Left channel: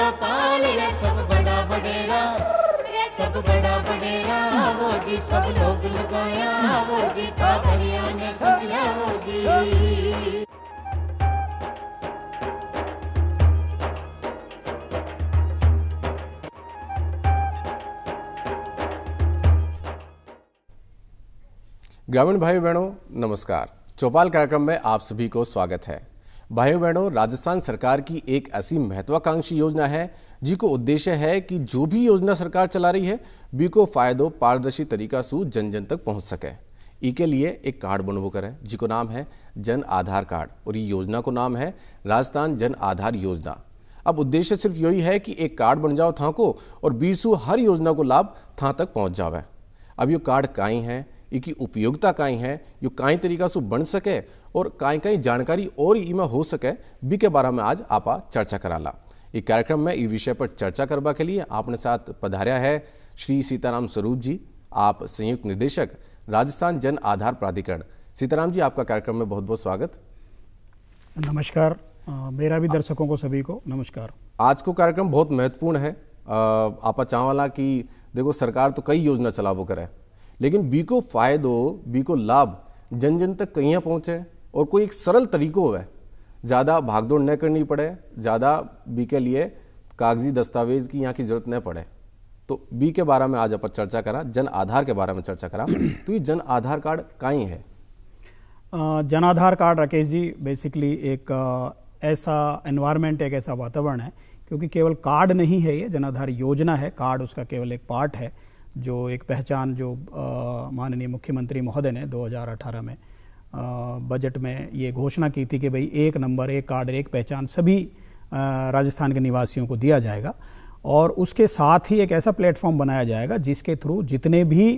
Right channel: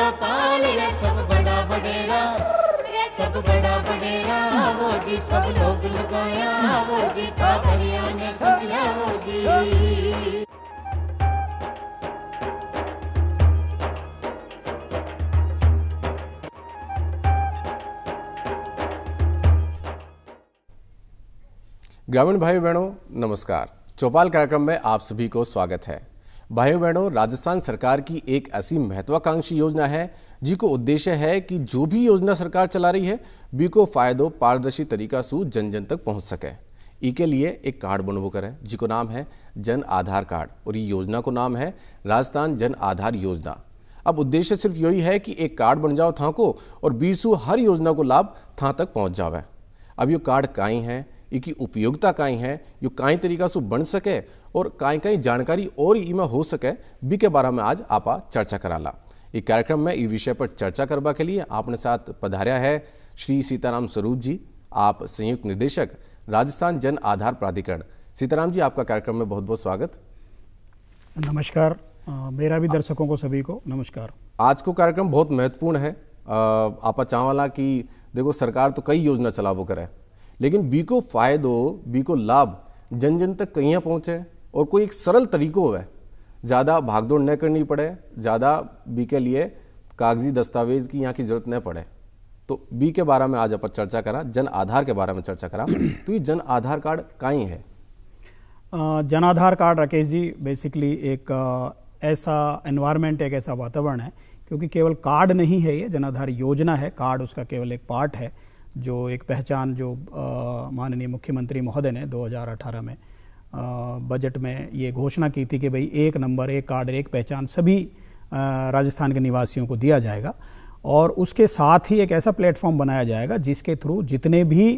चौपाल रे सब बड़ा बडेरा, सब बड़ा बडेरा वो जी, सब लोग लगाया वो जी, ठाकरिया ने सदिया वो जी। ग्रामीण भाई बहनों नमस्कार। चौपाल कार्यक्रम में आप सभी को स्वागत है। भाइयों बहनों, राजस्थान सरकार की एक ऐसी महत्वाकांक्षी योजना है जिसको उद्देश्य है कि जो भी योजना सरकार चला रही है बीको फायदो पारदर्शी तरीका से जन जन तक पहुंच सके। इसके लिए एक कार्ड बनवो करें जिसको नाम है जन आधार कार्ड, और ये योजना को नाम है राजस्थान जन आधार योजना। अब उद्देश्य सिर्फ यही है कि एक कार्ड बन जाओ था को और बीसू हर योजना को लाभ था तक पहुंच जावे। अब ये कार्ड काई है, इसकी उपयोगिता काई है, यो काई तरीका से बन सके और काई काई जानकारी और इमा हो सके बी के बारे में आज आपा चर्चा कराला। इस कार्यक्रम में इस विषय पर चर्चा करवा के लिए आपने साथ पधार्या है श्री सीताराम स्वरूप जी, आप संयुक्त निदेशक राजस्थान जन आधार प्राधिकरण। सीताराम जी, आपका कार्यक्रम में बहुत बहुत स्वागत। नमस्कार। मेरा भी दर्शकों को सभी को नमस्कार। आज को कार्यक्रम बहुत महत्वपूर्ण है। आपा चाहवाला कि देखो सरकार तो कई योजना चलावो करे, लेकिन बीको फायदो बीको लाभ जन जन तक कहीं पहुंचे और कोई एक सरल तरीको है, ज़्यादा भागदौड़ न करनी पड़े, ज़्यादा बी के लिए कागजी दस्तावेज की यहाँ की जरूरत न पड़े। तो बी के बारे में आज अपन चर्चा करा, जन आधार के बारे में चर्चा करा। तो ये जन आधार कार्ड काई है? जन आधार कार्ड राकेश जी बेसिकली एक ऐसा एनवायरनमेंट, एक ऐसा वातावरण है, क्योंकि केवल कार्ड नहीं है, ये जन आधार योजना है। कार्ड उसका केवल एक पार्ट है, जो एक पहचान जो माननीय मुख्यमंत्री महोदय ने 2018 में बजट में ये घोषणा की थी कि भाई एक नंबर, एक कार्ड, एक पहचान सभी राजस्थान के निवासियों को दिया जाएगा। और उसके साथ ही एक ऐसा प्लेटफॉर्म बनाया जाएगा जिसके थ्रू जितने भी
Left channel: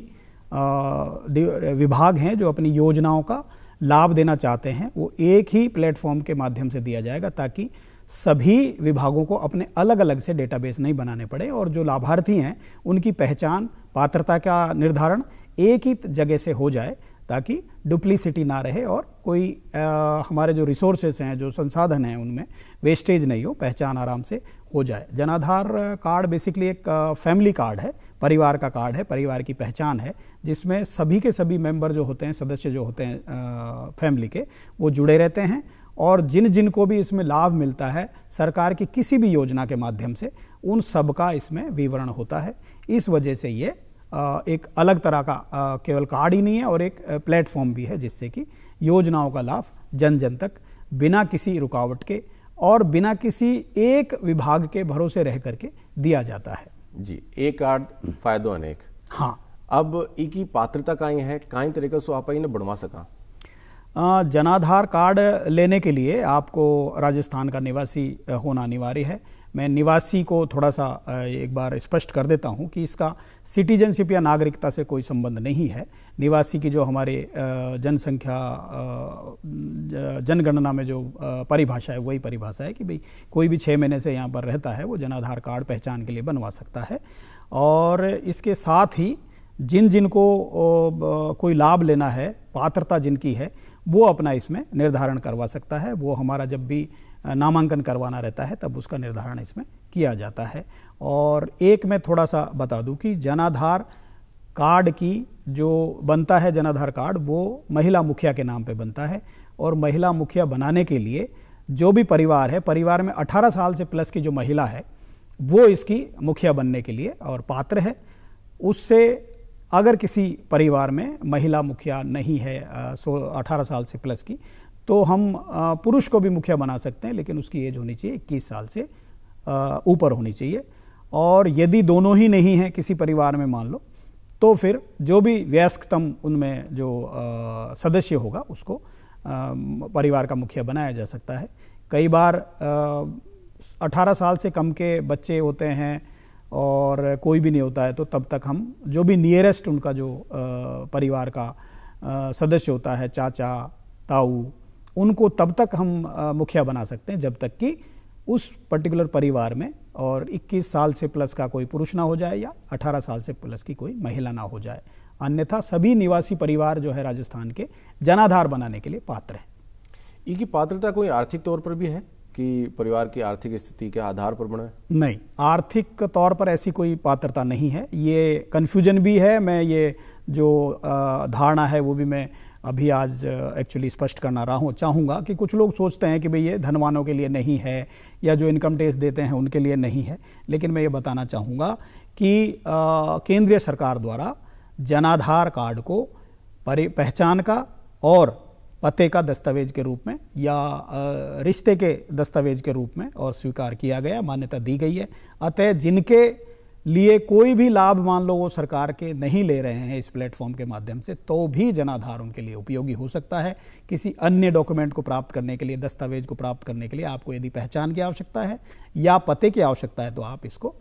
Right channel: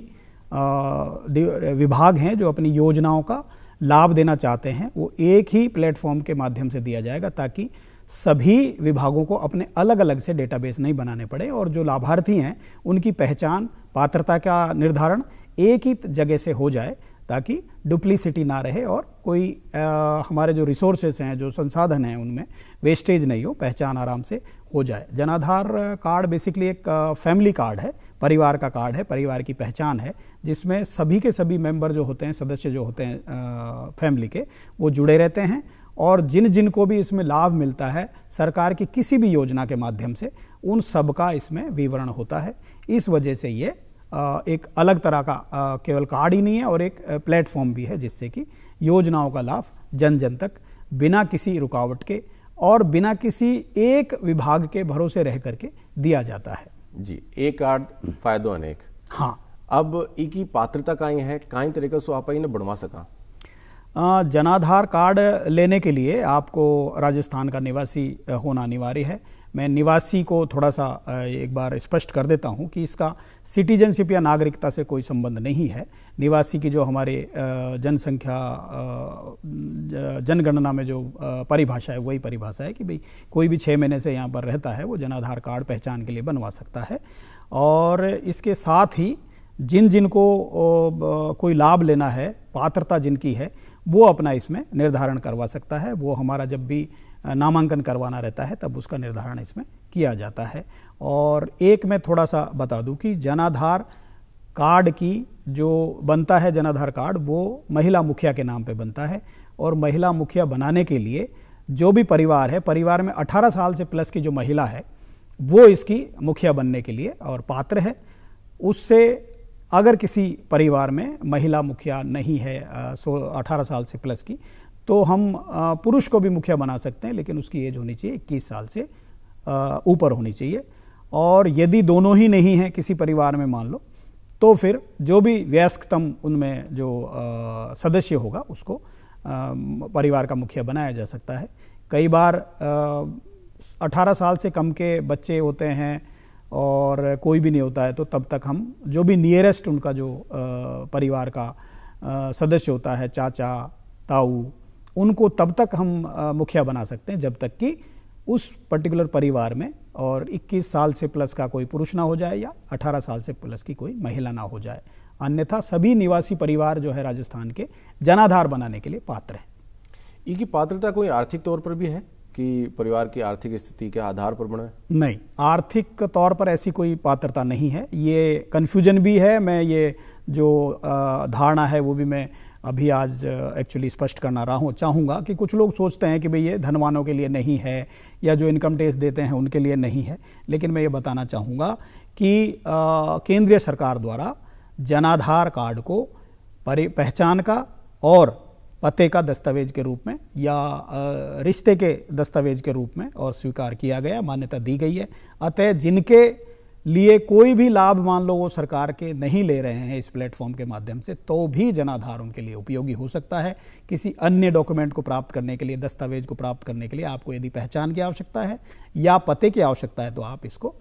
विभाग हैं जो अपनी योजनाओं का लाभ देना चाहते हैं वो एक ही प्लेटफॉर्म के माध्यम से दिया जाएगा, ताकि सभी विभागों को अपने अलग अलग से डेटाबेस नहीं बनाने पड़े और जो लाभार्थी हैं उनकी पहचान, पात्रता का निर्धारण एक ही जगह से हो जाए, ताकि डुप्लीसिटी ना रहे और कोई हमारे जो रिसोर्सेस हैं, जो संसाधन हैं, उनमें वेस्टेज नहीं हो, पहचान आराम से हो जाए। जनाधार कार्ड बेसिकली एक फैमिली कार्ड है, परिवार का कार्ड है, परिवार की पहचान है, जिसमें सभी के सभी मेंबर जो होते हैं, सदस्य जो होते हैं फैमिली के, वो जुड़े रहते हैं और जिन जिन को भी इसमें लाभ मिलता है सरकार की किसी भी योजना के माध्यम से, उन सब का इसमें विवरण होता है। इस वजह से ये एक अलग तरह का केवल कार्ड ही नहीं है और एक प्लेटफॉर्म भी है, जिससे कि योजनाओं का लाभ जन जन तक बिना किसी रुकावट के और बिना किसी एक विभाग के भरोसे रह करके दिया जाता है। जी, एक कार्ड फायदो अनेक। हाँ, अब इनकी पात्रता काई है, काई तरीके से आप इन्हें बनवा सका? जनाधार कार्ड लेने के लिए आपको राजस्थान का निवासी होना अनिवार्य है। मैं निवासी को थोड़ा सा एक बार स्पष्ट कर देता हूं कि इसका सिटीजनशिप या नागरिकता से कोई संबंध नहीं है। निवासी की जो हमारे जनसंख्या जनगणना में जो परिभाषा है वही परिभाषा है कि भाई कोई भी 6 महीने से यहाँ पर रहता है वो जनाधार कार्ड पहचान के लिए बनवा सकता है। और इसके साथ ही जिन जिन को कोई लाभ लेना है, पात्रता जिनकी है, वो अपना इसमें निर्धारण करवा सकता है। वो हमारा जब भी नामांकन करवाना रहता है तब उसका निर्धारण इसमें किया जाता है। और एक मैं थोड़ा सा बता दूं कि जनाधार कार्ड की जो बनता है, जनाधार कार्ड वो महिला मुखिया के नाम पे बनता है और महिला मुखिया बनाने के लिए जो भी परिवार है, परिवार में 18 साल से प्लस की जो महिला है वो इसकी मुखिया बनने के लिए और पात्र है। उससे अगर किसी परिवार में महिला मुखिया नहीं है 18 साल से प्लस की, तो हम पुरुष को भी मुखिया बना सकते हैं, लेकिन उसकी एज होनी चाहिए 21 साल से ऊपर होनी चाहिए। और यदि दोनों ही नहीं हैं किसी परिवार में मान लो, तो फिर जो भी वयस्कतम उनमें जो सदस्य होगा उसको परिवार का मुखिया बनाया जा सकता है। कई बार 18 साल से कम के बच्चे होते हैं और कोई भी नहीं होता है, तो तब तक हम जो भी नियरेस्ट उनका जो परिवार का सदस्य होता है, चाचा ताऊ, उनको तब तक हम मुखिया बना सकते हैं जब तक कि उस पर्टिकुलर परिवार में और 21 साल से प्लस का कोई पुरुष ना हो जाए या 18 साल से प्लस की कोई महिला ना हो जाए। अन्यथा सभी निवासी परिवार जो है राजस्थान के जनाधार बनाने के लिए पात्र है। इनकी पात्रता कोई आर्थिक तौर पर भी है? कि परिवार की आर्थिक स्थिति के आधार पर बने? नहीं, आर्थिक तौर पर ऐसी कोई पात्रता नहीं है। ये कन्फ्यूजन भी है। मैं ये जो धारणा है वो भी मैं अभी आज एक्चुअली स्पष्ट करना चाहूँगा कि कुछ लोग सोचते हैं कि भाई ये धनवानों के लिए नहीं है या जो इनकम टैक्स देते हैं उनके लिए नहीं है। लेकिन मैं ये बताना चाहूँगा कि केंद्रीय सरकार द्वारा जनाधार कार्ड को पहचान का और पते का दस्तावेज के रूप में या रिश्ते के दस्तावेज के रूप में और स्वीकार किया गया, मान्यता दी गई है। अतः जिनके लिए कोई भी लाभ मान लो वो सरकार के नहीं ले रहे हैं इस प्लेटफॉर्म के माध्यम से, तो भी जनाधार उनके लिए उपयोगी हो सकता है। किसी अन्य डॉक्यूमेंट को प्राप्त करने के लिए, दस्तावेज को प्राप्त करने के लिए आपको यदि पहचान की आवश्यकता है या पते की आवश्यकता है तो आप इसको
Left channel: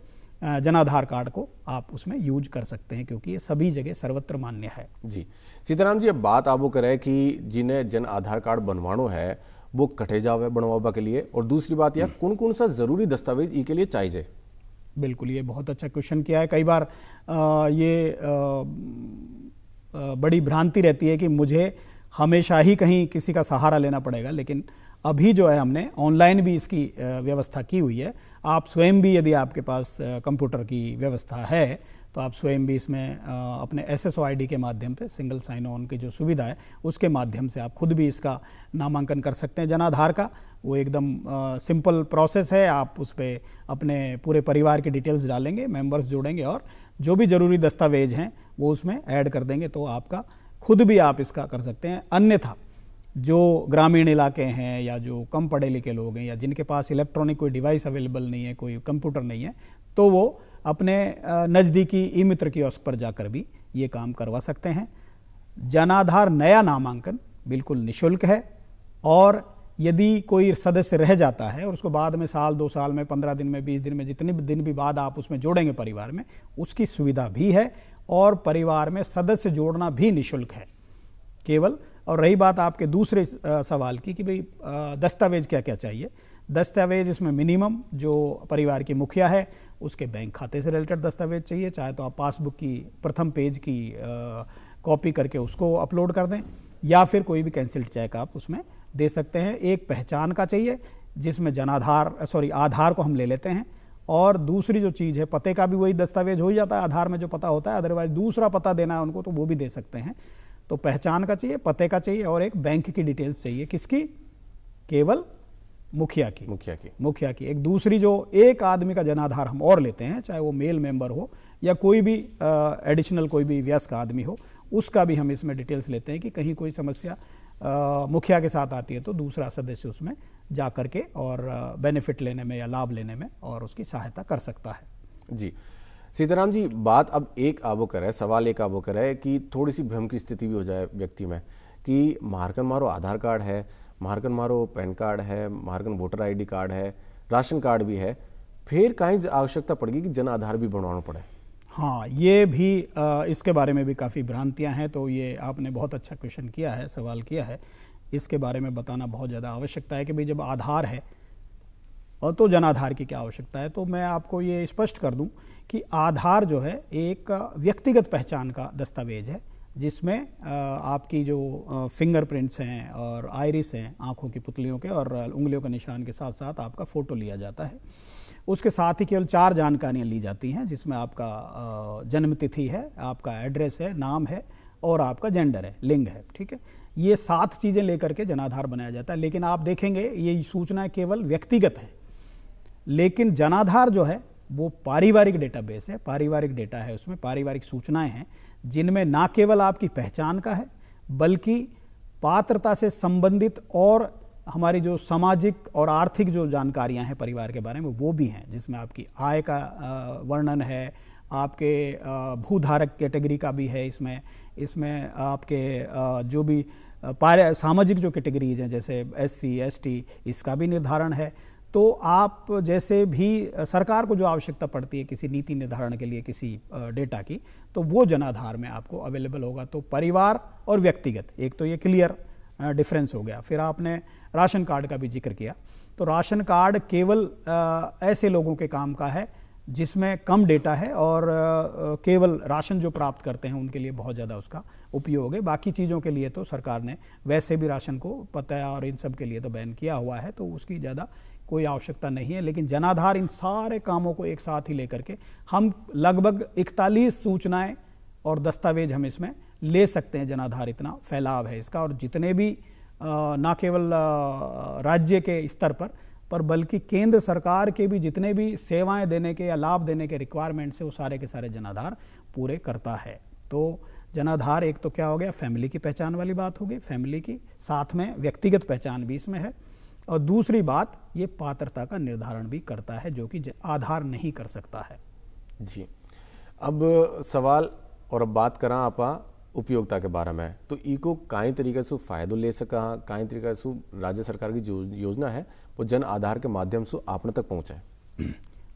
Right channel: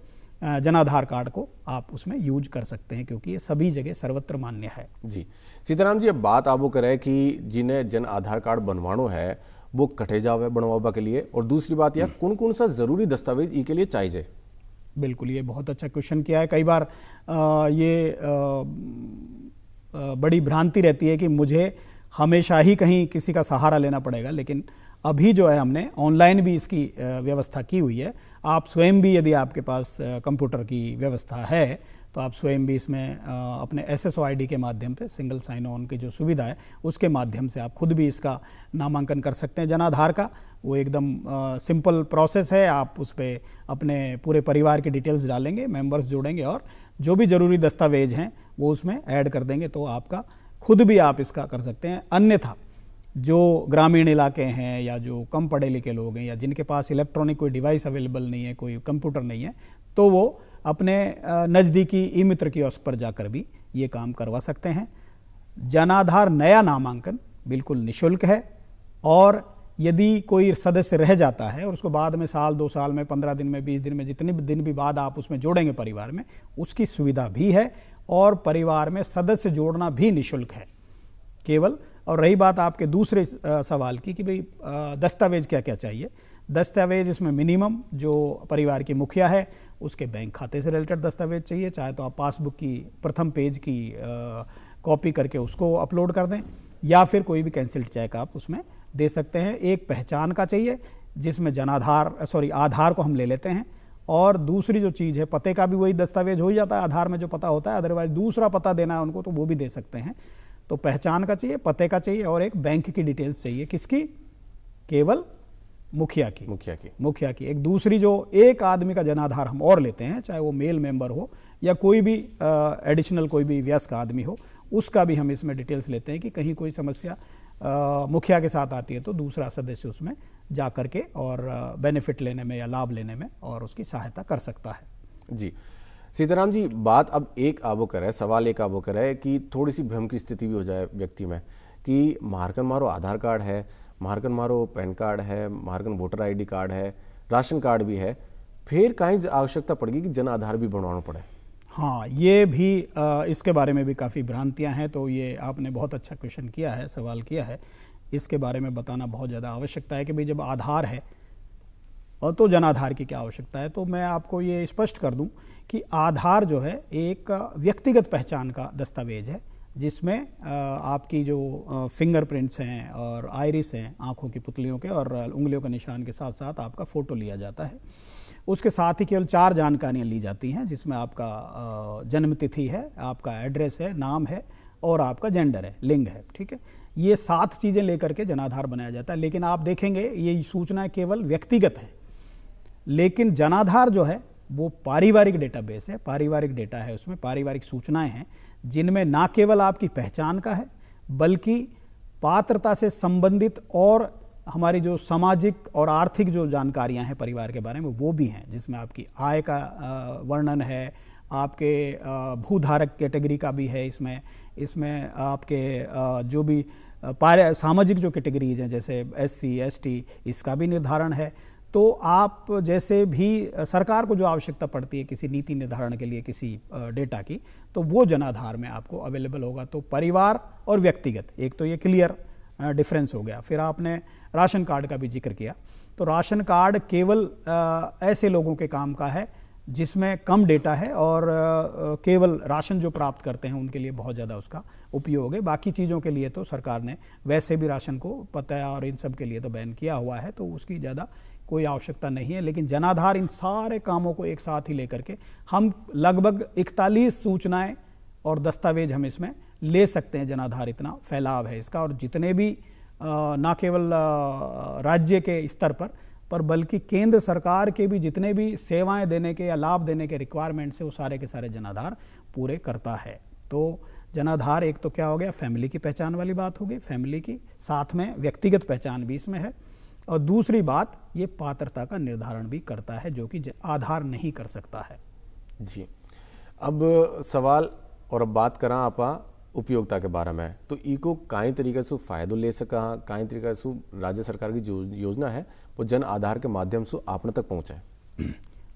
जनाधार कार्ड को आप उसमें यूज कर सकते हैं, क्योंकि ये सभी जगह सर्वत्र मान्य है। जी सीताराम जी, अब बात आप वो करें कि जिन्हें जन आधार कार्ड बनवानो है वो कटे जावे बनवाबा के लिए, और दूसरी बात यह कौन कौन सा जरूरी दस्तावेज ई के लिए चाहिए? बिल्कुल, ये बहुत अच्छा क्वेश्चन किया है। कई बार ये बड़ी भ्रांति रहती है कि मुझे हमेशा ही कहीं किसी का सहारा लेना पड़ेगा, लेकिन अभी जो है हमने ऑनलाइन भी इसकी व्यवस्था की हुई है। आप स्वयं भी, यदि आपके पास कंप्यूटर की व्यवस्था है तो आप स्वयं भी इसमें अपने SSO ID के माध्यम से, सिंगल साइन ऑन की जो सुविधा है उसके माध्यम से आप खुद भी इसका नामांकन कर सकते हैं जनाधार का। वो एकदम सिंपल प्रोसेस है। आप उस पर अपने पूरे परिवार की डिटेल्स डालेंगे, मेंबर्स जोड़ेंगे और जो भी जरूरी दस्तावेज हैं वो उसमें ऐड कर देंगे, तो आपका खुद भी आप इसका कर सकते हैं। अन्यथा जो ग्रामीण इलाके हैं या जो कम पढ़े लिखे लोग हैं या जिनके पास इलेक्ट्रॉनिक कोई डिवाइस अवेलेबल नहीं है, कोई कंप्यूटर नहीं है, तो वो अपने नज़दीकी ई मित्र कियोस्क पर जाकर भी ये काम करवा सकते हैं। जनाधार नया नामांकन बिल्कुल निःशुल्क है, और यदि कोई सदस्य रह जाता है और उसको बाद में साल, 2 साल में, 15 दिन में, 20 दिन में, जितने भी दिन भी बाद आप उसमें जोड़ेंगे परिवार में, उसकी सुविधा भी है। और परिवार में सदस्य जोड़ना भी निःशुल्क है केवल। और रही बात आपके दूसरे सवाल की कि भाई दस्तावेज क्या क्या चाहिए, दस्तावेज इसमें मिनिमम जो परिवार की मुखिया है उसके बैंक खाते से रिलेटेड दस्तावेज चाहिए। चाहे तो आप पासबुक की प्रथम पेज की कॉपी करके उसको अपलोड कर दें, या फिर कोई भी कैंसिल्ड चेक आप उसमें दे सकते हैं। एक पहचान का चाहिए जिसमें आधार को हम ले लेते हैं, और दूसरी जो चीज़ है पते का भी वही दस्तावेज हो ही जाता है, आधार में जो पता होता है। अदरवाइज दूसरा पता देना है उनको तो वो भी दे सकते हैं। तो पहचान का चाहिए, पते का चाहिए, और एक बैंक की डिटेल्स चाहिए। किसकी? केवल मुखिया की। एक दूसरी जो एक आदमी का जनाधार हम और लेते हैं, चाहे वो मेल मेंबर हो या कोई भी एडिशनल कोई भी वयस्क आदमी हो, उसका भी हम इसमें डिटेल्स लेते हैं कि कहीं कोई समस्या मुखिया के साथ आती है तो दूसरा सदस्य उसमें जा करके और बेनिफिट लेने में या लाभ लेने में और उसकी सहायता कर सकता है। जी सीताराम जी, बात अब सवाल एक आबो करे कि थोड़ी सी भ्रम की स्थिति भी हो जाए व्यक्ति में कि मारकन मारो आधार कार्ड है, मारकन मारो पैन कार्ड है, मारकन वोटर ID कार्ड है, राशन कार्ड भी है, फिर कहीं आवश्यकता पड़ेगी कि जन आधार भी बनवाना पड़े? हाँ, ये भी इसके बारे में भी काफ़ी भ्रांतियां हैं। तो ये आपने बहुत अच्छा क्वेश्चन किया है, सवाल किया है। इसके बारे में बताना बहुत ज़्यादा आवश्यकता है कि भाई जब आधार है और तो जनाधार की क्या आवश्यकता है। तो मैं आपको ये स्पष्ट कर दूं कि आधार जो है एक व्यक्तिगत पहचान का दस्तावेज है, जिसमें आपकी जो फिंगरप्रिंट्स हैं और आइरिस हैं, आंखों की पुतलियों के और उंगलियों के निशान के साथ साथ आपका फ़ोटो लिया जाता है। उसके साथ ही केवल 4 जानकारियाँ ली जाती हैं, जिसमें आपका जन्म तिथि है, आपका एड्रेस है, नाम है और आपका जेंडर है, लिंग है। ठीक है, ये 7 चीज़ें लेकर के जनाधार बनाया जाता है। लेकिन आप देखेंगे ये सूचनाएं केवल व्यक्तिगत हैं, लेकिन जनाधार जो है वो पारिवारिक डेटाबेस है, पारिवारिक डेटा है, उसमें पारिवारिक सूचनाएं हैं जिनमें ना केवल आपकी पहचान का है बल्कि पात्रता से संबंधित और हमारी जो सामाजिक और आर्थिक जो जानकारियां हैं परिवार के बारे में वो भी हैं, जिसमें आपकी आय का वर्णन है, आपके भूधारक कैटेगरी का भी है, इसमें आपके जो भी सामाजिक जो कैटेगरीज हैं जैसे SC ST इसका भी निर्धारण है। तो आप जैसे भी सरकार को जो आवश्यकता पड़ती है किसी नीति निर्धारण के लिए किसी डेटा की, तो वो जनाधार में आपको अवेलेबल होगा। तो परिवार और व्यक्तिगत, एक तो ये क्लियर डिफरेंस हो गया। फिर आपने राशन कार्ड का भी जिक्र किया, तो राशन कार्ड केवल ऐसे लोगों के काम का है जिसमें कम डेटा है और केवल राशन जो प्राप्त करते हैं उनके लिए बहुत ज़्यादा उसका उपयोग है। बाकी चीज़ों के लिए तो सरकार ने वैसे भी राशन को पता और इन सब के लिए तो बैन किया हुआ है, तो उसकी ज़्यादा कोई आवश्यकता नहीं है। लेकिन जनाधार इन सारे कामों को एक साथ ही लेकर के हम लगभग 41 सूचनाएं और दस्तावेज हम इसमें ले सकते हैं। जनाधार इतना फैलाव है इसका, और जितने भी ना केवल राज्य के स्तर पर बल्कि केंद्र सरकार के भी जितने भी सेवाएं देने के या लाभ देने के रिक्वायरमेंट्स है वो सारे के सारे जनाधार पूरे करता है। तो जनाधार एक तो क्या हो गया, फैमिली की पहचान वाली बात होगी, फैमिली की साथ में व्यक्तिगत पहचान भी इसमें है, और दूसरी बात ये पात्रता का निर्धारण भी करता है जो कि आधार नहीं कर सकता है। जी, अब सवाल और अब बात करा आपा उपयोगिता के बारे में, तो इको काई तरीके से फायदो ले सका, काई तरीके से राज्य सरकार की जो योजना है वो जन आधार के माध्यम से आपने तक पहुंचे।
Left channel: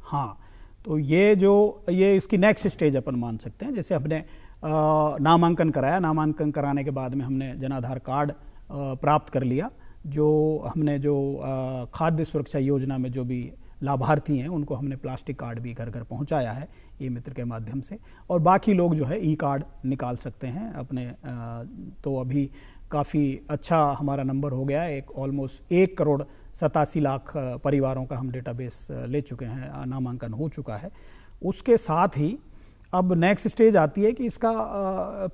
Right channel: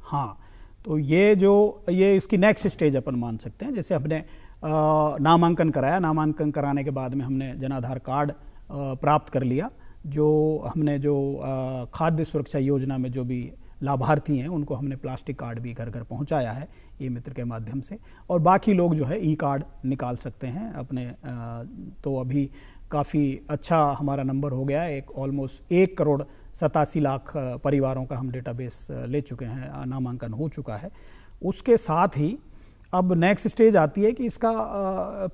हाँ, तो ये इसकी नेक्स्ट स्टेज अपन मान सकते हैं। जैसे हमने नामांकन कराया, नामांकन कराने के बाद में हमने जनाधार कार्ड प्राप्त कर लिया, जो हमने जो खाद्य सुरक्षा योजना में जो भी लाभार्थी हैं उनको हमने प्लास्टिक कार्ड भी घर घर पहुंचाया है ई मित्र के माध्यम से, और बाकी लोग जो है ई कार्ड निकाल सकते हैं अपने। तो अभी काफ़ी अच्छा हमारा नंबर हो गया है, ऑलमोस्ट 1,87,00,000 परिवारों का हम डेटाबेस ले चुके हैं, नामांकन हो चुका है। उसके साथ ही अब नेक्स्ट स्टेज आती है कि इसका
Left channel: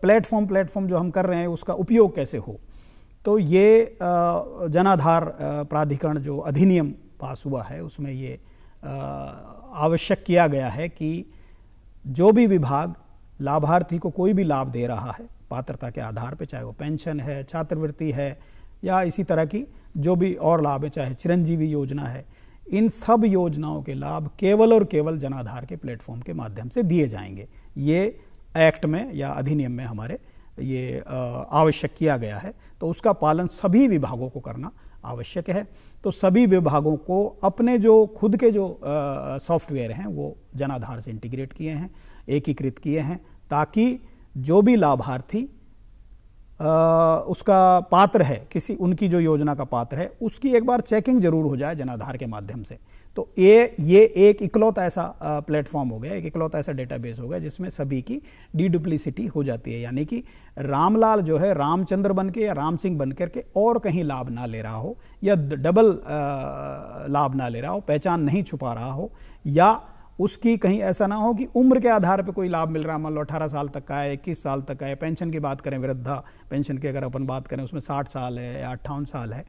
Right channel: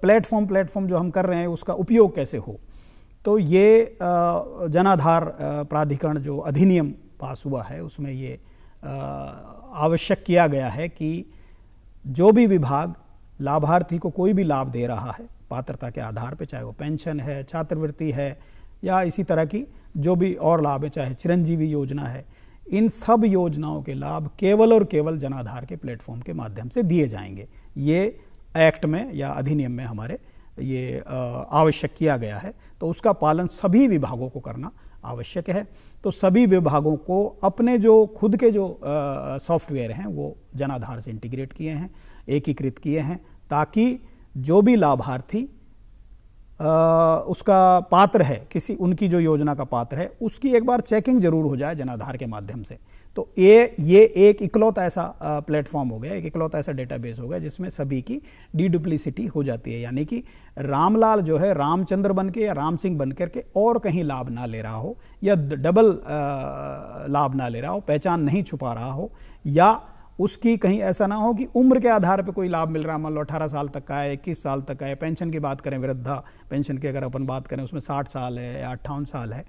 प्लेटफॉर्म जो हम कर रहे हैं उसका उपयोग कैसे हो। तो ये जनाधार प्राधिकरण जो अधिनियम पास हुआ है उसमें ये आवश्यक किया गया है कि जो भी विभाग लाभार्थी को कोई भी लाभ दे रहा है पात्रता के आधार पे, चाहे वो पेंशन है, छात्रवृत्ति है या इसी तरह की जो भी और लाभ है, चाहे चिरंजीवी योजना है, इन सब योजनाओं के लाभ केवल और केवल जनाधार के प्लेटफॉर्म के माध्यम से दिए जाएंगे। ये एक्ट में या अधिनियम में हमारे ये आवश्यक किया गया है। तो उसका पालन सभी विभागों को करना आवश्यक है। तो सभी विभागों को अपने जो खुद के जो सॉफ्टवेयर हैं वो जनाधार से इंटीग्रेट किए हैं, एकीकृत किए हैं, ताकि जो भी लाभार्थी उसका पात्र है, किसी उनकी जो योजना का पात्र है, उसकी एक बार चेकिंग जरूर हो जाए जनाधार के माध्यम से। तो ये एक इकलौता ऐसा प्लेटफॉर्म हो गया, एक इकलौता ऐसा डेटाबेस हो गया जिसमें सभी की डीडुप्लिसिटी हो जाती है, यानी कि रामलाल जो है रामचंद्र बन के या राम सिंह बन करके और कहीं लाभ ना ले रहा हो या डबल लाभ ना ले रहा हो, पहचान नहीं छुपा रहा हो, या उसकी कहीं ऐसा ना हो कि उम्र के आधार पर कोई लाभ मिल रहा है, मान लो 18 साल तक का है, 21 साल तक का है। पेंशन की बात करें, वृद्धा पेंशन की अगर अपन बात करें उसमें 60 साल है या 58 साल है,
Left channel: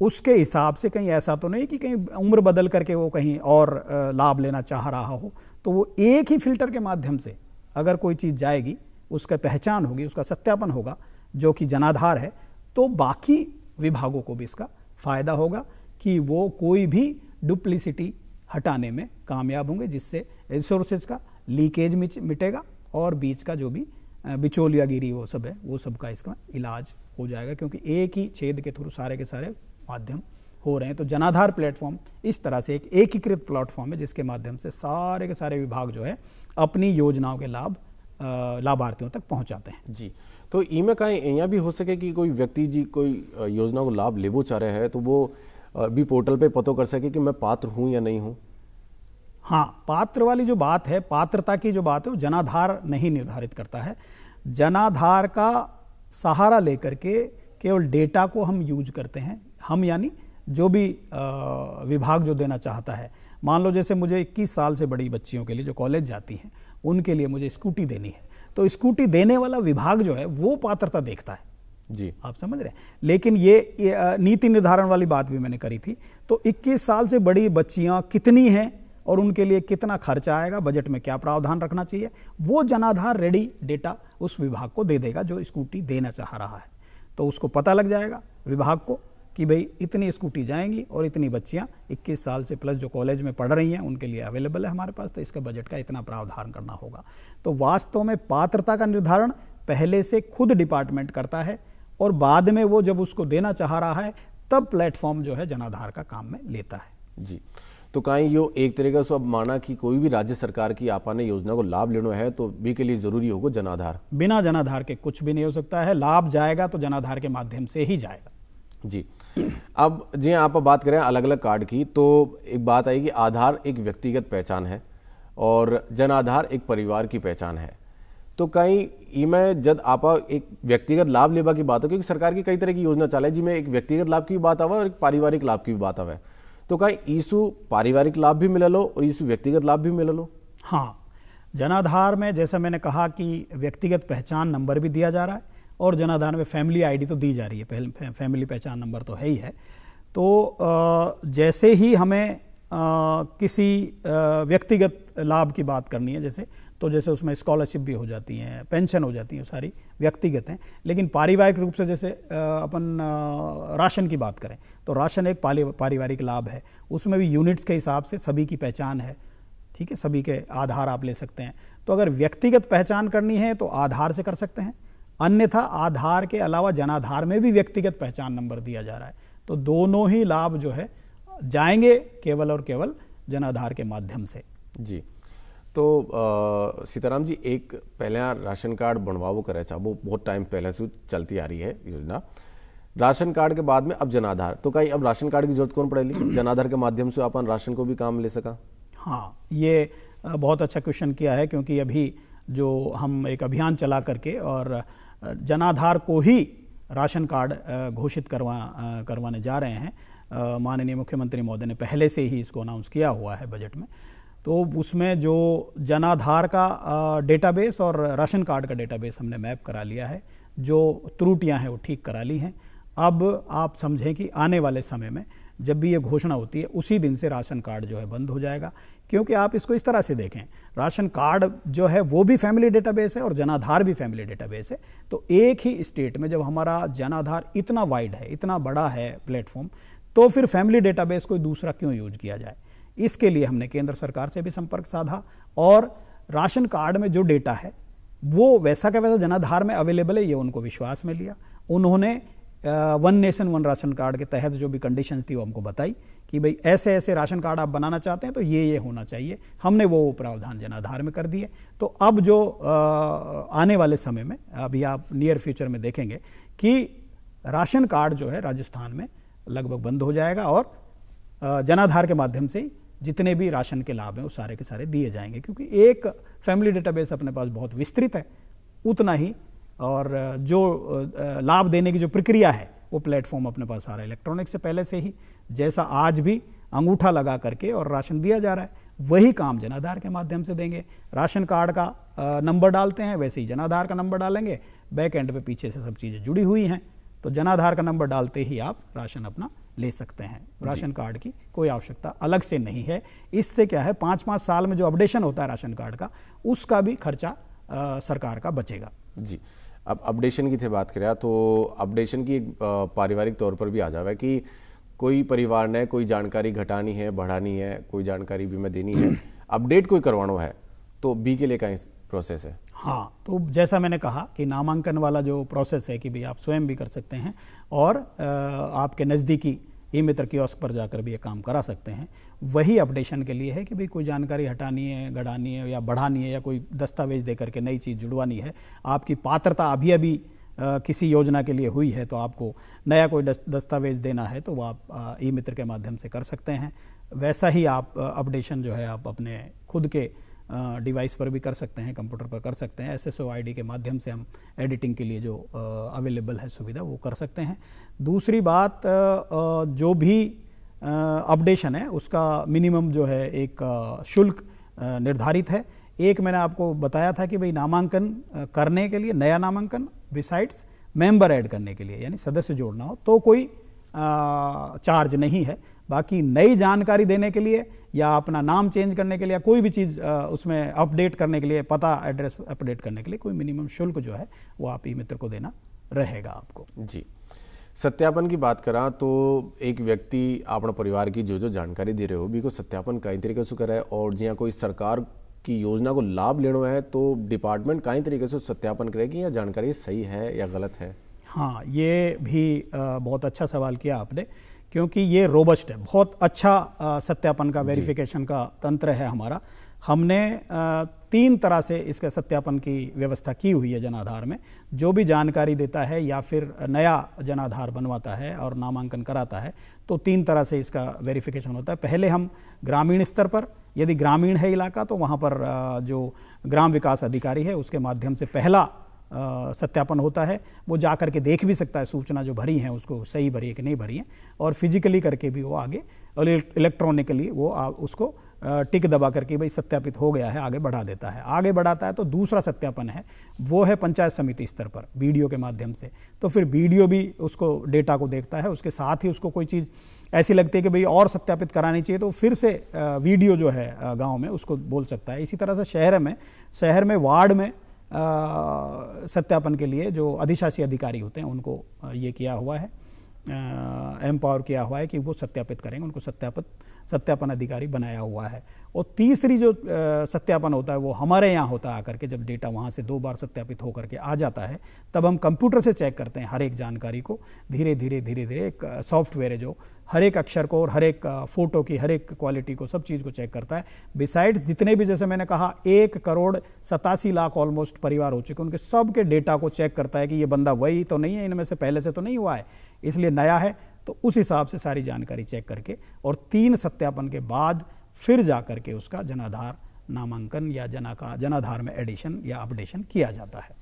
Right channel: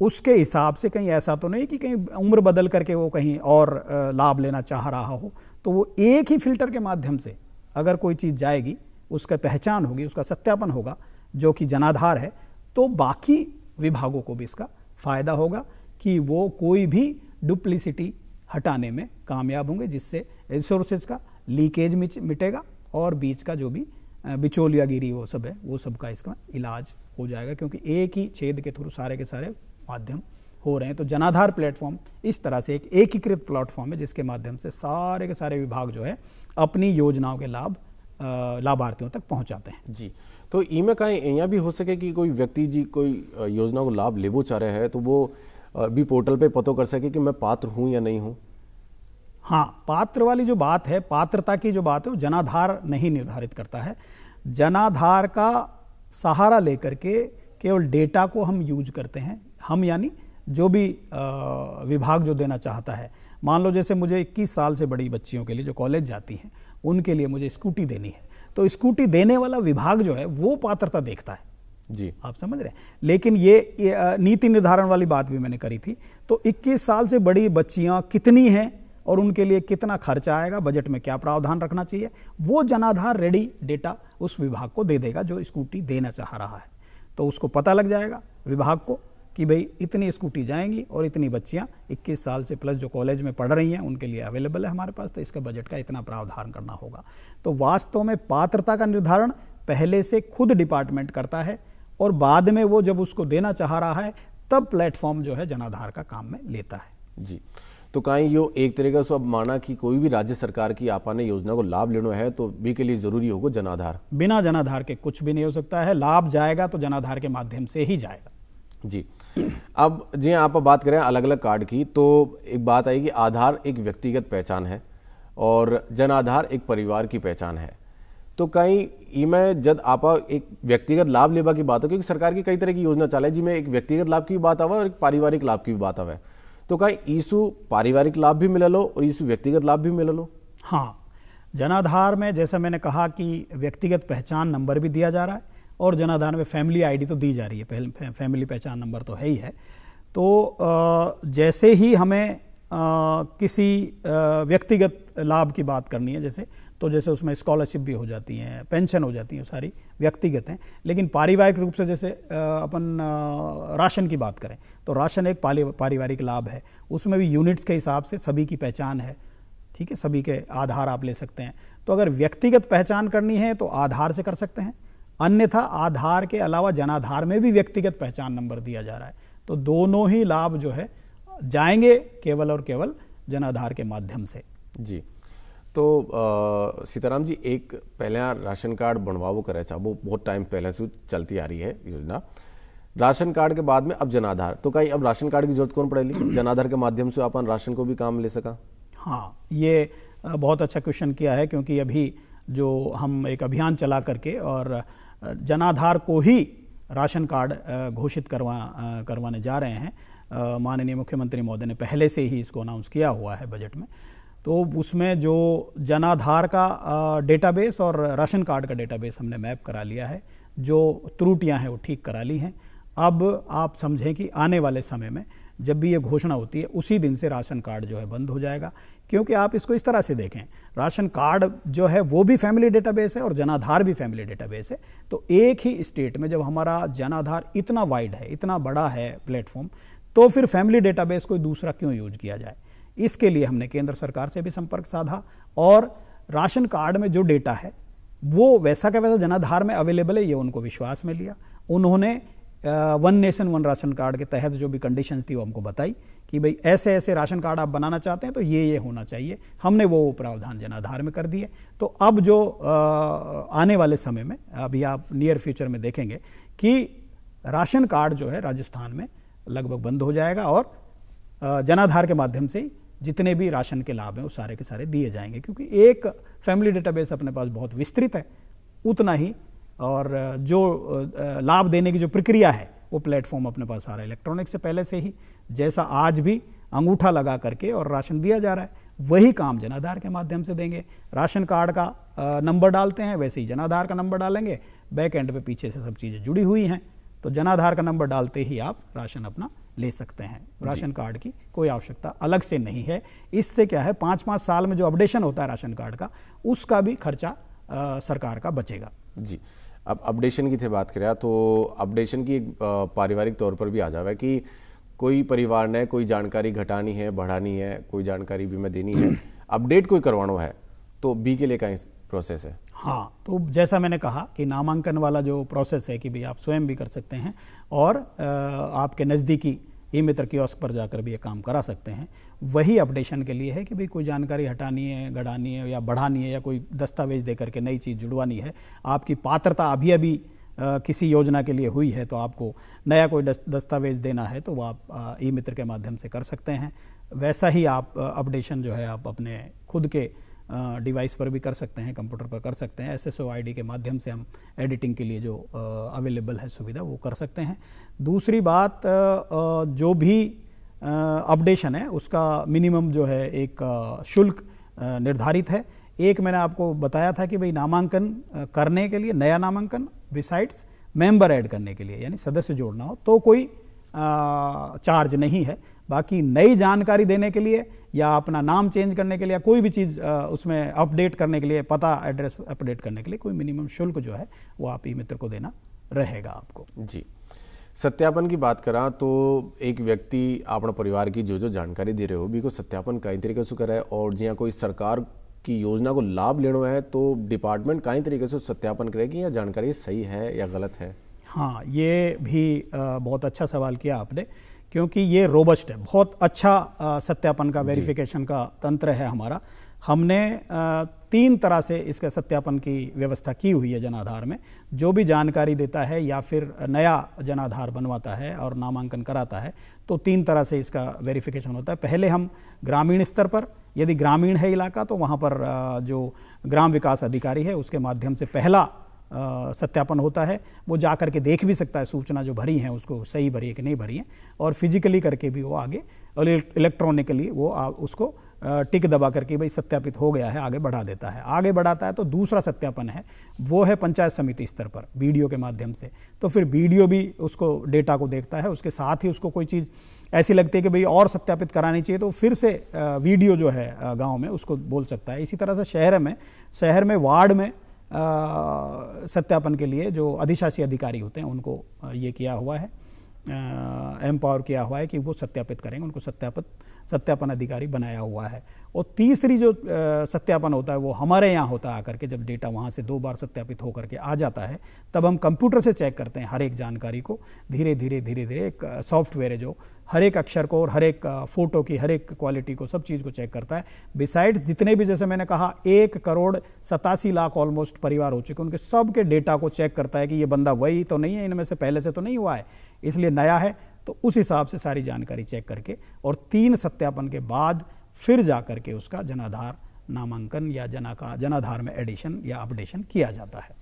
उसके हिसाब से कहीं ऐसा तो नहीं कि कहीं उम्र बदल करके वो कहीं और लाभ लेना चाह रहा हो। तो वो एक ही फिल्टर के माध्यम से अगर कोई चीज़ जाएगी, उसका पहचान होगी, उसका सत्यापन होगा जो कि जनाधार है, तो बाकी विभागों को भी इसका फायदा होगा कि वो कोई भी डुप्लिसिटी हटाने में कामयाब होंगे, जिससे रिसोर्सेज का लीकेज मिटेगा और बीच का जो भी बिचौलियागिरी वो सब है वो सबका इसका इलाज हो जाएगा, क्योंकि एक ही छेद के थ्रू सारे के सारे माध्यम हो रहे हैं। तो जनाधार प्लेटफॉर्म इस तरह से एक एकीकृत प्लेटफॉर्म है जिसके माध्यम से सारे के सारे विभाग जो है अपनी योजनाओं के लाभ लाभार्थियों तक पहुंचाते हैं। जी, तो इमें कहीं यहाँ भी हो सके कि कोई व्यक्ति जी कोई योजना को लाभ लेबो चाह रहे हैं तो वो भी पोर्टल पे पता कर सके कि मैं पात्र हूं या नहीं हूं। हाँ, पात्र वाली जो बात है, पात्रता की जो बात है, वो जनाधार नहीं निर्धारित करता है। जनाधार का सहारा लेकर के केवल डेटा को हम यूज करते हैं, हम यानी जो भी विभाग जो देना चाहता है। मान लो जैसे मुझे 21 साल से बड़ी बच्चियों के लिए जो कॉलेज जाती हैं उनके लिए मुझे स्कूटी देनी है, तो स्कूटी देने वाला विभाग जो है वो पात्रता देखता है। जी, आप समझ रहे हैं। लेकिन ये नीति निर्धारण वाली बात भी मैंने करी थी। तो 21 साल से बड़ी बच्चियां कितनी हैं और उनके लिए कितना खर्चा आएगा, बजट में क्या प्रावधान रखना चाहिए, वो जनाधार रेडी डेटा उस विभाग को दे देगा जो स्कूटी देना चाह रहा है। तो उसको पता लग जाएगा विभाग को कि भाई इतनी स्कूटी जाएंगी और इतनी बच्चियां 21 साल से प्लस जो कॉलेज में पढ़ रही हैं उनके लिए अवेलेबल है हमारे पास, तो इसका बजट का इतना प्रावधान करना होगा। तो वास्तव में पात्रता का निर्धारण पहले से खुद डिपार्टमेंट करता है और बाद में वो जब उसको देना चाह रहा है तब प्लेटफॉर्म जो है जनाधार का काम में लेता है। जी, तो कहीं यो एक तरीका से अब माना कि कोई भी राज्य सरकार की आपने योजना को लाभ लेना है तो भी के लिए जरूरी होगा जनाधार। बिना जनाधार के कुछ भी नहीं हो सकता है। लाभ जाएगा तो जनाधार के माध्यम से ही जाएगा। जी, अब जी आप बात करें अलग अलग कार्ड की, तो एक बात आई कि आधार एक व्यक्तिगत पहचान है और जनाधार एक परिवार की पहचान है। तो कहीं इमें जब आप एक व्यक्तिगत लाभ लेवा की बात हो, क्योंकि सरकार की कई तरह की योजना चाले जिसमें एक व्यक्तिगत लाभ की भी बात आवे और एक पारिवारिक लाभ की भी बात आवे, तो का ईसु पारिवारिक लाभ भी मिला लो और ईसु व्यक्तिगत लाभ भी मिला लो? हाँ, जनाधार में जैसा मैंने कहा कि व्यक्तिगत पहचान नंबर भी दिया जा रहा है और जनाधार में फैमिली आईडी तो दी जा रही है, फैमिली पहचान नंबर तो है ही है। तो जैसे ही हमें किसी व्यक्तिगत लाभ की बात करनी है जैसे उसमें स्कॉलरशिप भी हो जाती हैं, पेंशन हो जाती है, सारी व्यक्तिगत हैं। लेकिन पारिवारिक रूप से जैसे अपन राशन की बात करें तो राशन एक पारिवारिक लाभ है, उसमें भी यूनिट्स के हिसाब से सभी की पहचान है, ठीक है, सभी के आधार आप ले सकते हैं। तो अगर व्यक्तिगत पहचान करनी है तो आधार से कर सकते हैं, अन्यथा आधार के अलावा जनाधार में भी व्यक्तिगत पहचान नंबर दिया जा रहा है। तो दोनों ही लाभ जो है जाएंगे केवल और केवल जनाधार के माध्यम से। जी, तो सीताराम जी, एक पहले राशन कार्ड बनवाओ करे था, वो बहुत टाइम पहले से चलती आ रही है योजना। राशन कार्ड के बाद में अब जनाधार, तो कहीं अब राशन कार्ड की जरूरत कौन पड़ेगी? जनाधार के माध्यम से अपन राशन को भी काम ले सका? हाँ, ये बहुत अच्छा क्वेश्चन किया है, क्योंकि अभी जो हम एक अभियान चला करके और जनाधार को ही राशन कार्ड घोषित करवाने जा रहे हैं। माननीय मुख्यमंत्री महोदय ने पहले से ही इसको अनाउंस किया हुआ है बजट में। तो उसमें जो जनाधार का डेटाबेस और राशन कार्ड का डेटाबेस हमने मैप करा लिया है, जो त्रुटियां हैं वो ठीक करा ली हैं। अब आप समझें कि आने वाले समय में जब भी ये घोषणा होती है उसी दिन से राशन कार्ड जो है बंद हो जाएगा। क्योंकि आप इसको इस तरह से देखें, राशन कार्ड जो है वो भी फैमिली डेटाबेस है और जनाधार भी फैमिली डेटाबेस है। तो एक ही स्टेट में जब हमारा जनाधार इतना वाइड है, इतना बड़ा है प्लेटफॉर्म, तो फिर फैमिली डेटाबेस कोई दूसरा क्यों यूज किया जाए? इसके लिए हमने केंद्र सरकार से भी संपर्क साधा और राशन कार्ड में जो डेटा है वो वैसा का वैसा जनाधार में अवेलेबल है, ये उनको विश्वास में लिया। उन्होंने one nation one ration card के तहत जो भी कंडीशंस थी वो हमको बताई कि भाई ऐसे ऐसे राशन कार्ड आप बनाना चाहते हैं तो ये होना चाहिए। हमने वो प्रावधान जनाधार में कर दिए। तो अब जो आने वाले समय में, अभी आप नियर फ्यूचर में देखेंगे कि राशन कार्ड जो है राजस्थान में लगभग बंद हो जाएगा और जनाधार के माध्यम से जितने भी राशन के लाभ हैं वो सारे के सारे दिए जाएंगे। क्योंकि एक फैमिली डेटाबेस अपने पास बहुत विस्तृत है, उतना ही और जो लाभ देने की जो प्रक्रिया है वो प्लेटफॉर्म अपने पास आ रहा है इलेक्ट्रॉनिक से पहले से ही। जैसा आज भी अंगूठा लगा करके और राशन दिया जा रहा है, वही काम जनाधार के माध्यम से देंगे। राशन कार्ड का नंबर डालते हैं, वैसे ही जनाधार का नंबर डालेंगे। बैक एंड पे पीछे से सब चीज़ें जुड़ी हुई हैं, तो जनाधार का नंबर डालते ही आप राशन अपना ले सकते हैं। राशन कार्ड की कोई आवश्यकता अलग से नहीं है। इससे क्या है, 5-5 साल में जो अपडेशन होता है राशन कार्ड का, उसका भी खर्चा सरकार का बचेगा। जी, अब अपडेशन की थे बात करें तो अपडेशन की पारिवारिक तौर पर भी आ जावे कि कोई परिवार ने कोई जानकारी घटानी है, बढ़ानी है, कोई जानकारी भी में देनी है, अपडेट कोई करवाना है, तो बी के लिए का प्रोसेस है? हाँ, तो जैसा मैंने कहा कि नामांकन वाला जो प्रोसेस है कि भाई आप स्वयं भी कर सकते हैं और आपके नज़दीकी ई मित्र कियोस्क पर जाकर भी ये काम करा सकते हैं। वही अपडेशन के लिए है कि भाई कोई जानकारी हटानी है, गढ़ानी है या बढ़ानी है, या कोई दस्तावेज दे करके नई चीज़ जुड़वानी है, आपकी पात्रता अभी किसी योजना के लिए हुई है तो आपको नया कोई दस्तावेज देना है तो वो आप ई मित्र के माध्यम से कर सकते हैं। वैसा ही आप अपडेशन जो है आप अपने खुद के डिवाइस पर भी कर सकते हैं, कंप्यूटर पर कर सकते हैं। SSO ID के माध्यम से हम एडिटिंग के लिए जो अवेलेबल है सुविधा वो कर सकते हैं। दूसरी बात, जो भी अपडेशन है उसका मिनिमम जो है एक शुल्क निर्धारित है। एक मैंने आपको बताया था कि भाई नामांकन करने के लिए, नया नामांकन बिसाइड्स मेंबर ऐड करने के लिए यानी सदस्य जोड़ना हो तो कोई चार्ज नहीं है। बाकी नई जानकारी देने के लिए या अपना नाम चेंज करने के लिए या कोई भी चीज़ उसमें अपडेट करने के लिए, पता एड्रेस अपडेट करने के लिए कोई मिनिमम शुल्क जो है वो आप ई मित्र को देना रहेगा आपको। जी, सत्यापन की बात करा तो एक व्यक्ति अपने परिवार की जो जानकारी दे रहे हो भी को सत्यापन कई तरीके से करे और जिया कोई सरकार की योजना को लाभ लेना है तो डिपार्टमेंट कई तरीके से सत्यापन करेगी या जानकारी सही है या गलत है? हाँ, ये भी बहुत अच्छा सवाल किया आपने, क्योंकि ये रोबस्ट है, बहुत अच्छा सत्यापन का, वेरिफिकेशन का तंत्र है हमारा। हमने 3 तरह से इसके सत्यापन की व्यवस्था की हुई है जनाधार में। जो भी जानकारी देता है या फिर नया जनाधार बनवाता है और नामांकन कराता है तो 3 तरह से इसका वेरिफिकेशन होता है। पहले हम ग्रामीण स्तर पर, यदि ग्रामीण है इलाका तो वहाँ पर जो ग्राम विकास अधिकारी है उसके माध्यम से पहला सत्यापन होता है। वो जा करके देख भी सकता है सूचना जो भरी है उसको सही भरी है कि नहीं भरी है, और फिजिकली करके भी वो आगे और इलेक्ट्रॉनिकली वो उसको टिक दबा करके भाई सत्यापित हो गया है, आगे बढ़ा देता है। आगे बढ़ाता है तो दूसरा सत्यापन है, वो है पंचायत समिति स्तर पर वीडियो के माध्यम से। तो फिर वीडियो भी उसको डेटा को देखता है, उसके साथ ही उसको कोई चीज़ ऐसी लगती है कि भाई और सत्यापित करानी चाहिए तो फिर से वीडियो जो है गांव में उसको बोल सकता है। इसी तरह से शहर में वार्ड में सत्यापन के लिए जो अधिशासी अधिकारी होते हैं उनको ये किया हुआ है, एम्पावर किया हुआ है कि वो सत्यापित करेंगे, उनको सत्यापन अधिकारी बनाया हुआ है। और तीसरी जो सत्यापन होता है वो हमारे यहाँ होता है आकर के, जब डेटा वहाँ से 2 बार सत्यापित होकर के आ जाता है तब हम कंप्यूटर से चेक करते हैं हर एक जानकारी को। धीरे धीरे एक सॉफ्टवेयर है जो हर एक अक्षर को और हर एक फोटो की हर एक क्वालिटी को, सब चीज़ को चेक करता है। बिसाइड्स जितने भी, जैसे मैंने कहा 1,87,00,000 ऑलमोस्ट परिवार हो चुके, उनके सब के डेटा को चेक करता है कि ये बंदा वही तो नहीं है, इनमें से पहले से तो नहीं हुआ है, इसलिए नया है। तो उस हिसाब से सारी जानकारी चेक करके और 3 सत्यापन के बाद फिर जा करके उसका जनाधार नामांकन या जनाधार में एडिशन या अपडेशन किया जाता है।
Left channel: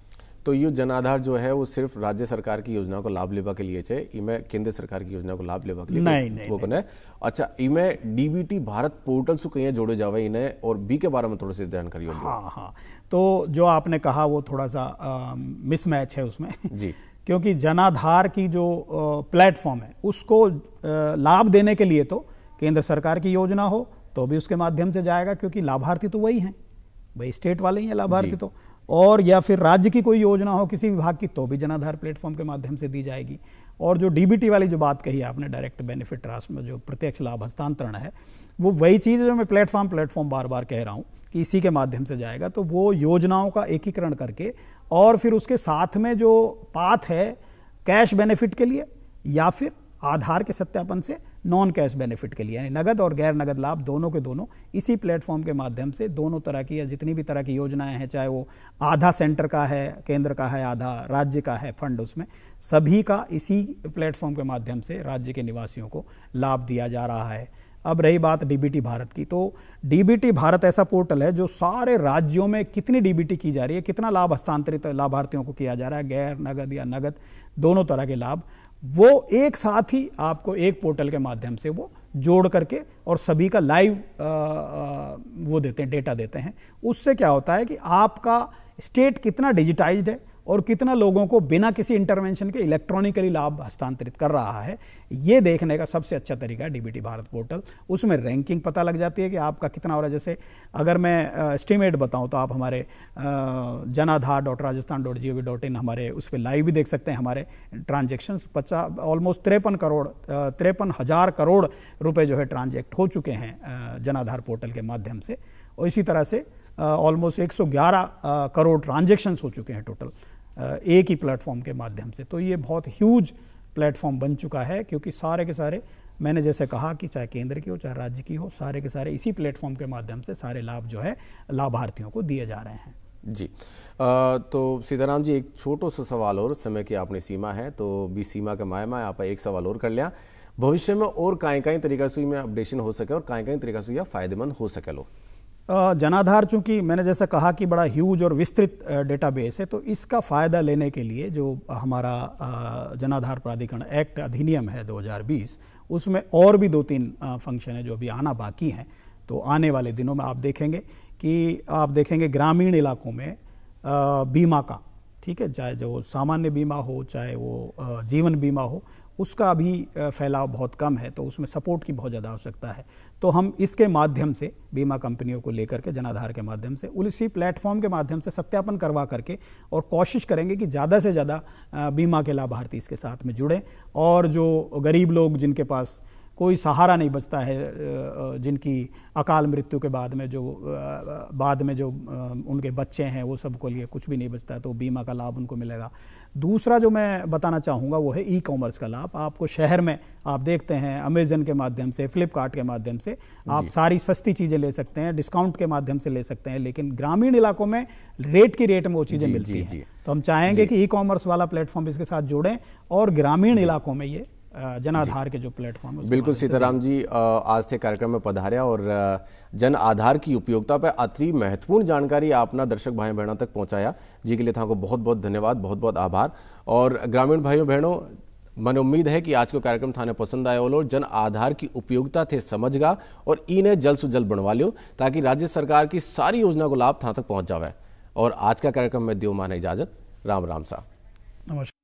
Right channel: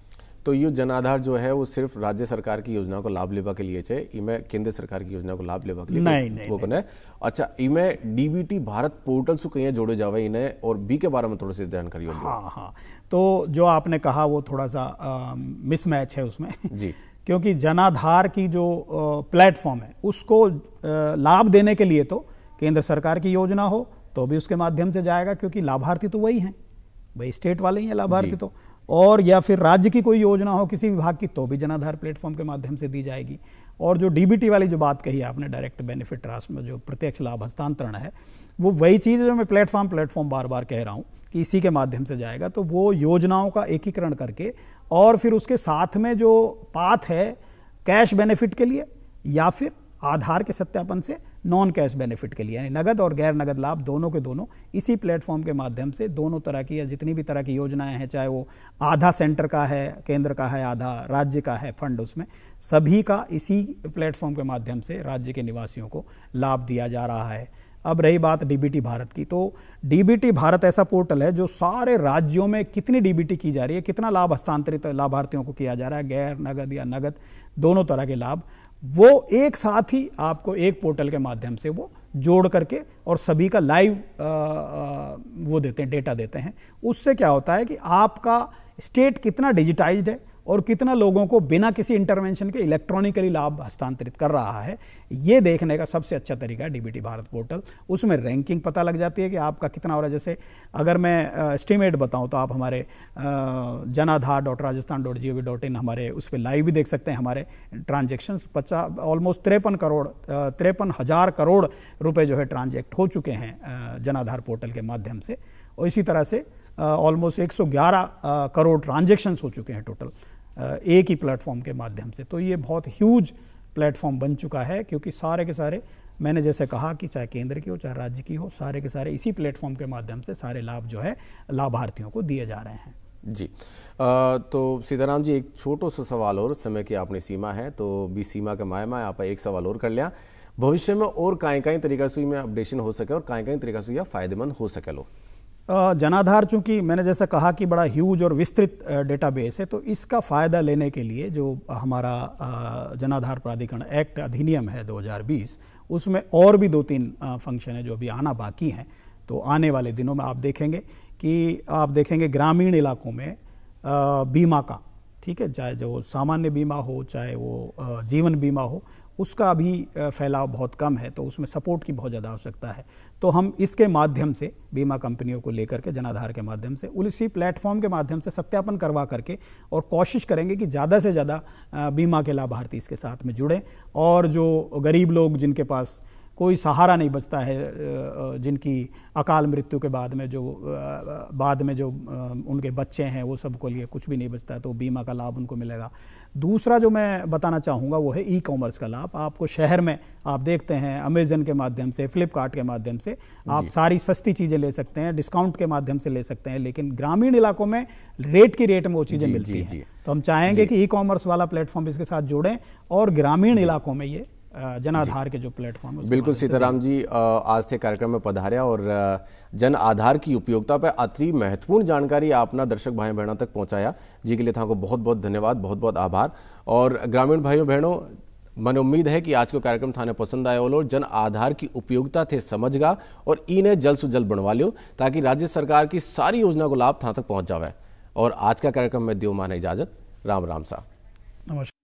तो ये जनाधार जो है वो सिर्फ राज्य सरकार की योजना को लाभ लेवा के लिए है, इमे केंद्र सरकार की योजना को लाभ लेवा के लिए नहीं वो नहीं। अच्छा, इमे डीबीटी भारत पोर्टल से कहीं जोड़े जावे इन्हें, और बी के बारे में थोड़ी सी जानकारी होगी। हाँ, तो जो आपने कहा वो थोड़ा सा मिसमैच है उसमें जी क्योंकि जनाधार की जो प्लेटफॉर्म है उसको लाभ देने के लिए तो केंद्र सरकार की योजना हो तो भी उसके माध्यम से जाएगा, क्योंकि लाभार्थी तो वही हैं, वही स्टेट वाले ही हैं लाभार्थी तो। और या फिर राज्य की कोई योजना हो किसी विभाग की तो भी जनाधार प्लेटफॉर्म के माध्यम से दी जाएगी। और जो डीबीटी वाली जो बात कही आपने, डायरेक्ट बेनिफिट ट्रांसफर में जो प्रत्यक्ष लाभ हस्तांतरण है, वो वही चीज़ जो मैं प्लेटफॉर्म बार बार कह रहा हूँ कि इसी के माध्यम से जाएगा। तो वो योजनाओं का एकीकरण करके और फिर उसके साथ में जो पाथ है कैश बेनिफिट के लिए या फिर आधार के सत्यापन से नॉन कैश बेनिफिट के लिए, यानी नगद और गैर नगद लाभ दोनों के दोनों इसी प्लेटफॉर्म के माध्यम से दोनों तरह की या जितनी भी तरह की योजनाएं हैं, चाहे वो आधा सेंटर का है, केंद्र का है, आधा राज्य का है फंड, उसमें सभी का इसी प्लेटफॉर्म के माध्यम से राज्य के निवासियों को लाभ दिया जा रहा है। अब रही बात डीबीटी भारत की, तो डीबीटी भारत ऐसा पोर्टल है जो सारे राज्यों में कितनी डीबीटी की जा रही है, कितना लाभ हस्तांतरित लाभार्थियों को किया जा रहा है, गैर नगद या नगद दोनों तरह के लाभ, वो एक साथ ही आपको एक पोर्टल के माध्यम से वो जोड़ करके और सभी का लाइव वो देते हैं, डेटा देते हैं। उससे क्या होता है कि आपका स्टेट कितना डिजिटाइज्ड है और कितना लोगों को बिना किसी इंटरवेंशन के इलेक्ट्रॉनिकली लाभ हस्तांतरित कर रहा है, ये देखने का सबसे अच्छा तरीका है डीबीटी भारत पोर्टल। उसमें रैंकिंग पता लग जाती है कि आपका कितना हो रहा है। जैसे अगर मैं एस्टिमेट बताऊं तो आप हमारे janaadhar.rajasthan.gov.in हमारे उस पर लाइव भी देख सकते हैं। हमारे ट्रांजेक्शन्स ऑलमोस्ट 53,000 करोड़ रुपए जो है ट्रांजेक्ट हो चुके हैं जनाधार पोर्टल के माध्यम से, और इसी तरह से ऑलमोस्ट 111 करोड़ ट्रांजेक्शन्स हो चुके हैं टोटल एक ही प्लेटफॉर्म के माध्यम से। तो ये बहुत ह्यूज प्लेटफॉर्म बन चुका है, क्योंकि सारे के सारे, मैंने जैसे कहा कि चाहे केंद्र की हो चाहे राज्य की हो, सारे के सारे इसी प्लेटफॉर्म के माध्यम से सारे लाभ जो है लाभार्थियों को दिए जा रहे हैं। जी तो सीताराम जी, एक छोटो सा सवाल और, समय की आपने सीमा है तो भी सीमा के मायमा आप एक सवाल और कर लिया। भविष्य में और काई तरीका से में अपडेशन हो सके और काई तरीका से फायदेमंद हो सके लो? जनाधार चूंकि मैंने जैसा कहा कि बड़ा ह्यूज और विस्तृत डेटाबेस है, तो इसका फ़ायदा लेने के लिए जो हमारा जनाधार प्राधिकरण एक्ट अधिनियम है 2020, उसमें और भी 2-3 फंक्शन है जो अभी आना बाकी हैं। तो आने वाले दिनों में आप देखेंगे ग्रामीण इलाकों में बीमा का, ठीक है, चाहे जो सामान्य बीमा हो चाहे वो जीवन बीमा हो, उसका अभी फैलाव बहुत कम है, तो उसमें सपोर्ट की बहुत ज़्यादा आवश्यकता है। तो हम इसके माध्यम से बीमा कंपनियों को लेकर के जनाधार के माध्यम से उसी प्लेटफॉर्म के माध्यम से सत्यापन करवा करके और कोशिश करेंगे कि ज़्यादा से ज़्यादा बीमा के लाभार्थी इसके साथ में जुड़ें, और जो गरीब लोग जिनके पास कोई सहारा नहीं बचता है, जिनकी अकाल मृत्यु के बाद में जो उनके बच्चे हैं वो सबको लिए कुछ भी नहीं बचता है, तो बीमा का लाभ उनको मिलेगा। दूसरा जो मैं बताना चाहूँगा वो है ई कॉमर्स का लाभ। आपको शहर में आप देखते हैं अमेजन के माध्यम से, फ्लिपकार्ट के माध्यम से आप सारी सस्ती चीज़ें ले सकते हैं, डिस्काउंट के माध्यम से ले सकते हैं, लेकिन ग्रामीण इलाकों में रेट में वो चीज़ें मिलती हैं। तो हम चाहेंगे कि ई कॉमर्स वाला प्लेटफॉर्म इसके साथ जोड़ें और ग्रामीण इलाकों में ये जनाधार के जो प्लेटफॉर्म है। बिल्कुल सीताराम जी, आज थे कार्यक्रम में पधार्या और जन आधार की उपयोगिता पर अति महत्वपूर्ण जानकारी आपना दर्शक भाई बहनों तक पहुंचाया, जी के लिए था को बहुत बहुत धन्यवाद, बहुत बहुत आभार। और ग्रामीण भाइयों बहनों, मन उम्मीद है कि आज को कार्यक्रम थाने पसंद आयो और जन आधार की उपयोगिता थे समझगा और इन्हें जल्द से जल्द बनवा लियो ताकि राज्य सरकार की सारी योजना को लाभ था तक पहुंच जावे। और आज का कार्यक्रम में देव माने इजाजत। राम राम सा। नमस्कार।